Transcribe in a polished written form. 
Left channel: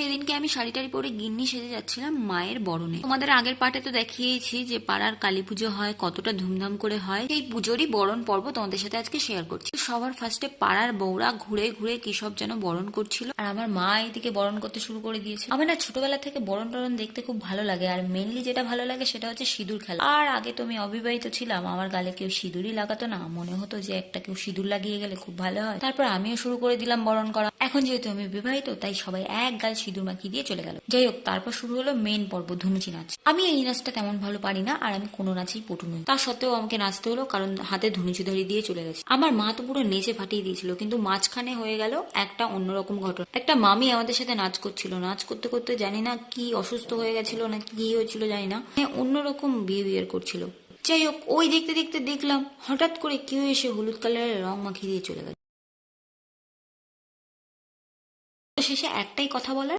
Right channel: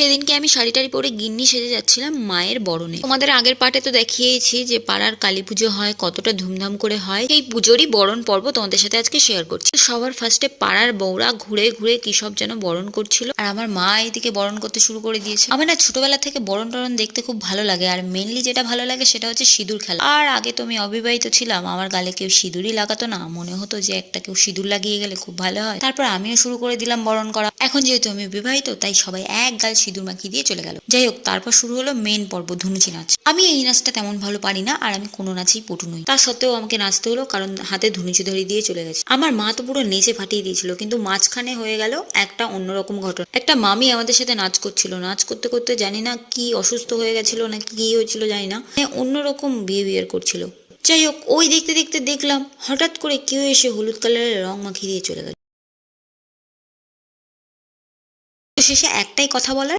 সেদিনকে আমি শাড়ি টাড়ি পরে গিন্নি সেজে যাচ্ছিলাম মায়ের বরণে। তোমাদের আগের পার্টে তো দেখিয়েছি যে পাড়ার কালী পুজো হয়, কতটা ধুমধাম করে হয়। এই পুজোরই বরণ পর্ব তোমাদের সাথে আজকে শেয়ার করছি। সবার ফার্স্টে পাড়ার বউরা ঘুরে ঘুরে কি সব যেন বরণ করছিল, আর আমার মা এইদিকে বরণ করতে শুরু করে দিয়েছে। আমার না ছোটবেলা থেকে বরণ টরণ দেখতে খুব ভালো লাগে, আর মেনলি যেটা ভালো লাগে সেটা হচ্ছে সিঁদুর খেলা। আর আগে তো আমি অবিবাহিত ছিলাম, আমার গালে কেউ সিঁদুরই লাগাতো না, মনে হতো যে একটা কেউ সিঁদুর লাগিয়ে গেলে খুব ভালো হয়। তারপর আমিও শুরু করে দিলাম বরণ করা। এখন যেহেতু আমি বিবাহিত, তাই সবাই এক গাল সিঁদুর মাখিয়ে দিয়ে চলে গেল। যাই হোক, তারপর শুরু হলো মেন পর্ব, ধুনুচি নাচ। আমি এই নাচটা তেমন ভালো পারি না, আর আমি কোনো নাচেই পটু নই। তা সত্ত্বেও আমাকে নাচতে হলো, কারণ হাতে ধুনুচি ধরিয়ে দিয়ে চলে গেছে। আমার মা তো পুরো নেচে ফাটিয়ে দিয়েছিল, কিন্তু মাঝখানে হয়ে গেল একটা অন্যরকম ঘটনা। একটা মামি আমাদের সাথে নাচ করছিল, নাচ করতে করতে জানি না কি অসুস্থ হয়ে গেছিল না কি হয়েছিল জানি না, অন্যরকম বিহেভিয়ার করছিল। যাই হোক, ওই দেখতে দেখতে দেখলাম হঠাৎ করে কেউ এসে হলুদ কালারের রং মাখিয়ে দিয়ে চলে গেল। শেষে একটাই কথা বলার,